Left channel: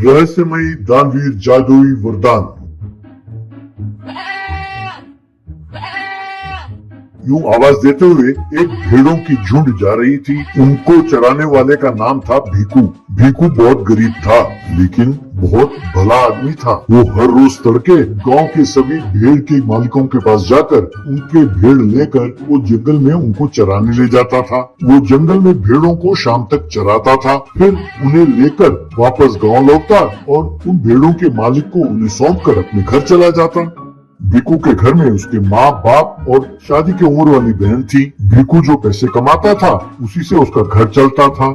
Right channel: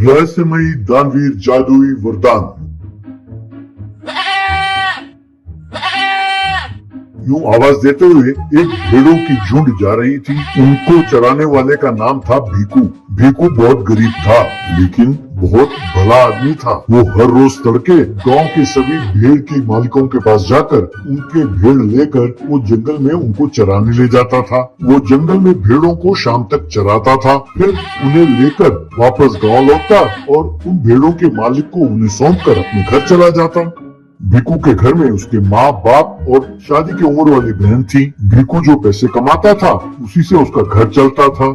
रहस्यमयी दानवीर जादुई वरदान। यूं आवाज देते हुए एक भेड़ों की झुंड जा रही थी। उनको चराने वाले का नाम था भीकू। भीकू बहुत गरीब था, लेकिन बहुत भला आदमी था। वो हर रोज तड़के गांव के सभी भेड़ के मालिकों के पास जाकर उनके भेड़ लेकर वो जंगल में उनको चराने ले जाता था। वो जंगल में भेड़ों को शाम तक चराता था, फिर उन्हें लेकर वापस गांव लौटता और उन भेड़ों के मालिक को उन्हें सौंप कर अपने घर चला जाता। भीकू के घर में उसके माँ बाप और शादी की उम्र वाली बहन थी। भीकू जो पैसे कमाता था उसी से उसका घर चलता था।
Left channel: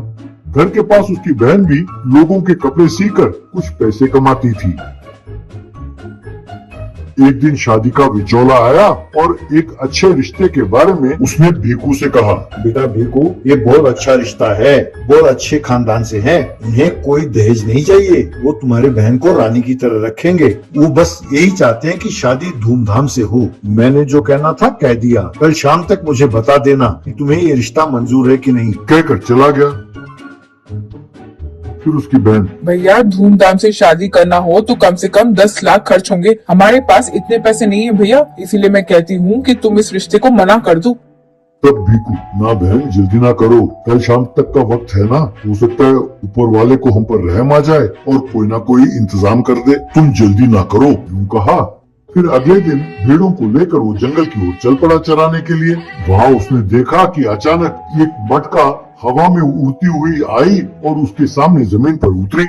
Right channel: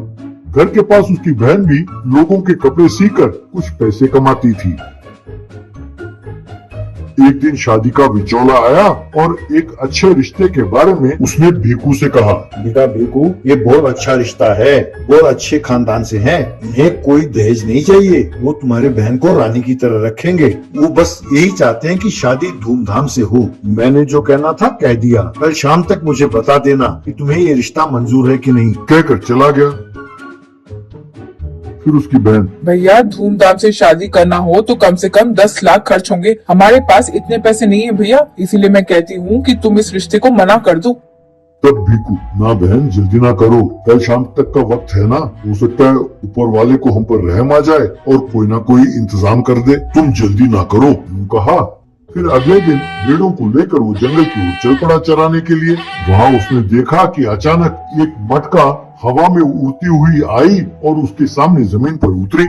घर के पास उसकी बहन भी लोगों के कपड़े सीकर कुछ पैसे कमाती थी। एक दिन शादी का विचोला आया और एक अच्छे रिश्ते के बारे में उसने भीकू से कहा। बेटा भीकू, ये बहुत अच्छा रिश्ता है, बहुत अच्छे खानदान से हैं। इन्हें कोई दहेज नहीं चाहिए। वो तुम्हारे बहन को रानी की तरह रखेंगे। वो बस यही चाहते हैं कि शादी धूमधाम से हो। मैंने जो कहना था कह दिया। कल शाम तक मुझे बता देना कि तुम्हें ये रिश्ता मंजूर है कि नहीं। कहकर चला गया। फिर उसकी बहन, भैया धूमधाम से शादी करना हो तो कम से कम 10 लाख खर्च होंगे। हमारे पास इतने पैसे नहीं है भैया, इसीलिए मैं कहती हूँ कि तुम इस रिश्ते को मना कर दो। तब भीकू, ना बहन जल्दी ना करो, कल शाम तक का वक्त है ना। हो सकता है ऊपर वाले को हम पर रहम आ जाए और कोई ना कोई इंतजाम कर दे। तुम जल्दी ना करो, यूं कहा। फिर अगले दिन भेड़ों को लेकर वो जंगल की ओर चल पड़ा चराने के लिए। वहाँ उसने देखा कि अचानक एक मटका हवा में उड़ती हुई आई और उसके सामने जमीन पर उतरी।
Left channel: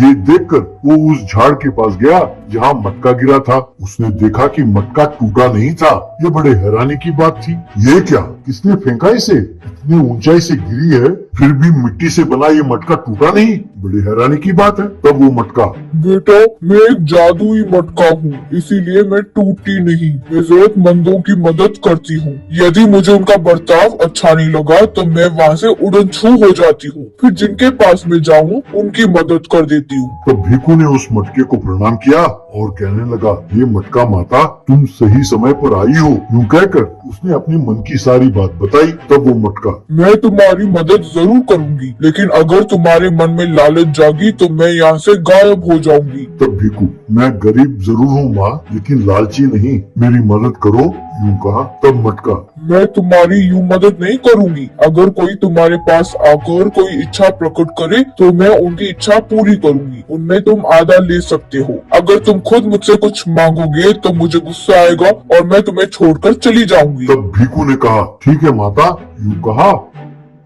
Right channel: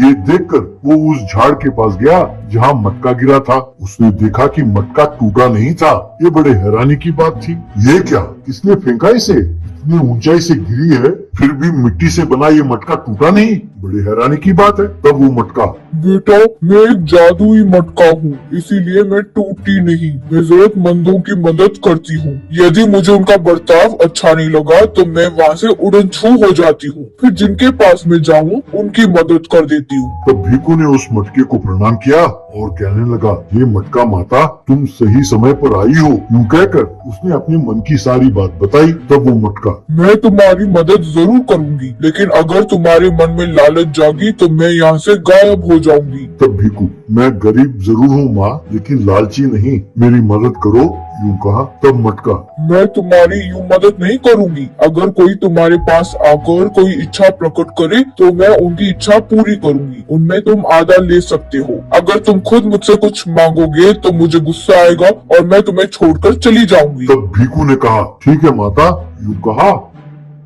ये देखकर वो उस झाड़ के पास गया जहाँ मटका गिरा था। उसने देखा कि मटका टूटा नहीं था। ये बड़े हैरानी की बात थी। ये क्या, किसने फेंका इसे? इतनी ऊंचाई से गिरी है, फिर भी मिट्टी से बना ये मटका टूटा नहीं। बड़ी हैरानी की बात है। तब वो मटका, बेटा मैं एक जादुई मटका हूँ, इसीलिए मैं टूटती नहीं। मैं जरूरतमंदों की मदद करती हूँ। यदि मुझे उनका बर्ताव अच्छा नहीं लगा तो मैं वहाँ से उड़न छू हो जाती हूँ। फिर जिनके पास मैं जाऊँ उनकी मदद कर देती हूँ। तो भीकू ने उस मटके को प्रणाम किया और कहने लगा, हे मटका माता, तुम सही समय पर आई हो। यूं कहकर उसने अपनी मन की सारी बात बताई। तब वो मटका, मैं तुम्हारी मदद जरूर करूंगी, लेकिन अगर तुम्हारे मन में लालच जागी तो मैं यहाँ से गायब हो जाऊंगी। तब भीकू, मैं गरीब जरूर हूँ माँ, लेकिन लालची नहीं, मेरी मदद करो। यूं कहा। तब मटका, मैं तुम्हारी यूं मदद नहीं करूंगी। अगर कोई तुम्हारे पास आकर कोई इच्छा प्रकट करे तो मैं उनकी इच्छा पूरी करूंगी। उनमें तुम आधा ले सकते हो। अगर तुम खुद मुझसे कुछ मांगोगे तो मुझे गुस्सा आएगा और मैं तुम्हें छोड़कर चली जाऊंगी। तब भीकू ने कहा, ठीक है माता। यूं कहा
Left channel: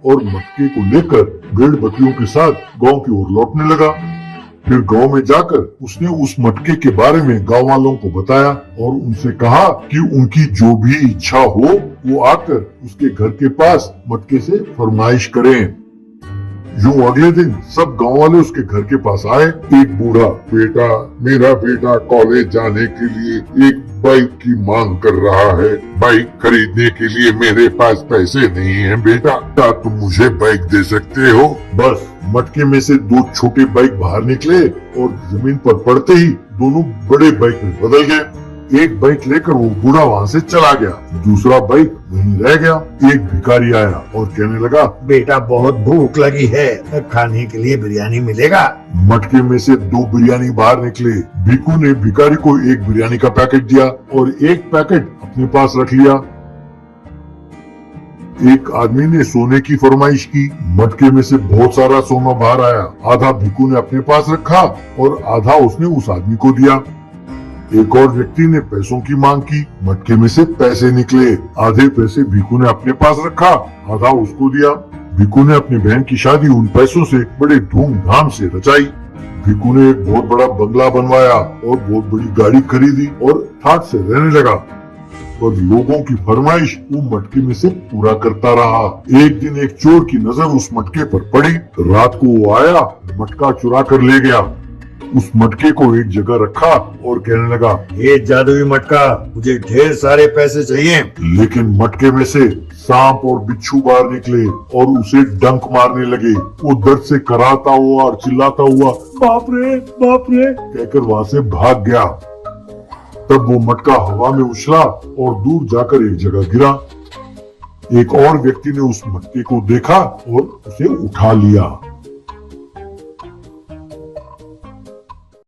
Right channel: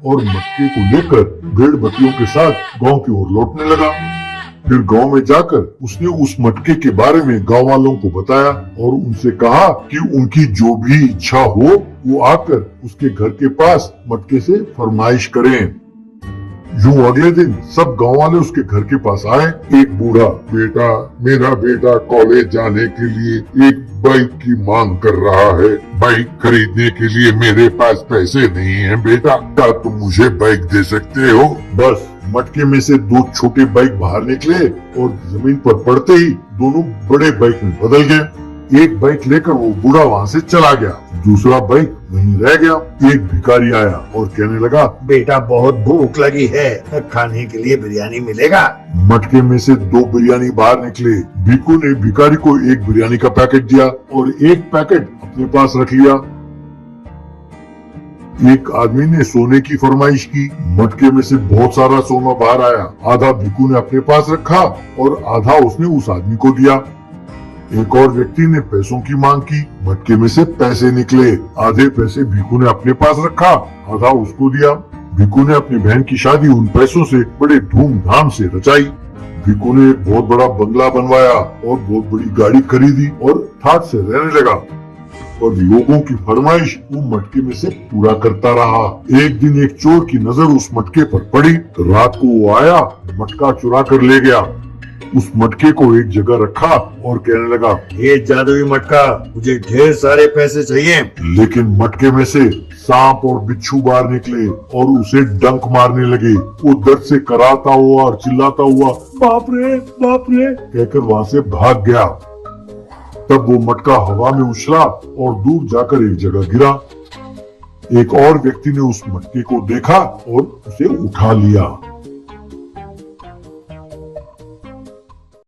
और मटके को लेकर भेड़ बकरियों के साथ गांव की ओर लौटने लगा। फिर गांव में जाकर उसने उस मटके के बारे में गांव वालों को बताया और उनसे कहा कि उनकी जो भी इच्छा हो वो आकर उसके घर के पास मटके से फरमाइश करें। यूं अगले दिन सब गांव वाले उसके घर के पास आए। एक बूढ़ा, बेटा, मेरा बेटा कॉलेज जाने के लिए एक बाइक की मांग कर रहा है। बाइक खरीदने के लिए मेरे पास पैसे नहीं है बेटा, क्या तुम मुझे बाइक दे सकते हो? बस मटके में से 2 छोटे बाइक बाहर निकले और जमीन पर पड़ते ही दोनों बड़े बाइक में बदल गए। एक बाइक लेकर वो बूढ़ा वहाँ से चला गया, दूसरा बाइक वहीं रह गया। एक भिखारी आया और कहने लगा, बेटा बहुत भूख लगी है, खाने के लिए बिरयानी मिलेगा? मटके में से 2 बिरयानी बाहर निकले। भीकू ने भिखारी को एक बिरयानी का पैकेट दिया और एक पैकेट अपने पास रख लिया। एक आदमी ने सोने की फरमाइश की। मटके में से बहुत सारा सोना बाहर आया। आधा भीकू ने अपने पास रखा और आधा उसने उस आदमी को दिया। एक और व्यक्ति ने पैसों की मांग की। मटके में से पैसे निकले। आधे पैसे भीकू ने अपने पास रखा, आधा उसको दिया। भीकू ने अपनी बहन की शादी उन पैसों से बड़े धूमधाम से रचाई। भीकू ने एक बहुत बड़ा बंगला बनवाया और बहुत बड़ी गाड़ी खरीदी और ठाट से रहने लगा और लोगों की फरमाइश वो मटके में से पूरा करता रहा। एक दिन एक चोर की नजर उस मटके पर पड़ी तो रात को वो आया, मटका चुरा कर ले गया। उस मटके को एक जगह रखा और कहने लगा, ये जादुई मटका, मुझे ढेर सारे पैसे चाहिए। लेकिन मटके में से सांप और बिच्छू बाहर निकले और उसे डंक मारने लगे। वो दर्द से कराहता हुआ और चिल्लाता हुआ, बाप रे कहकर वहाँ से भाग गया। तब वो मटका हवा में उछला और दूर जाकर एक जगह गिरा। एक और व्यक्ति ने उस मटके को देखा और उसे उठा लिया।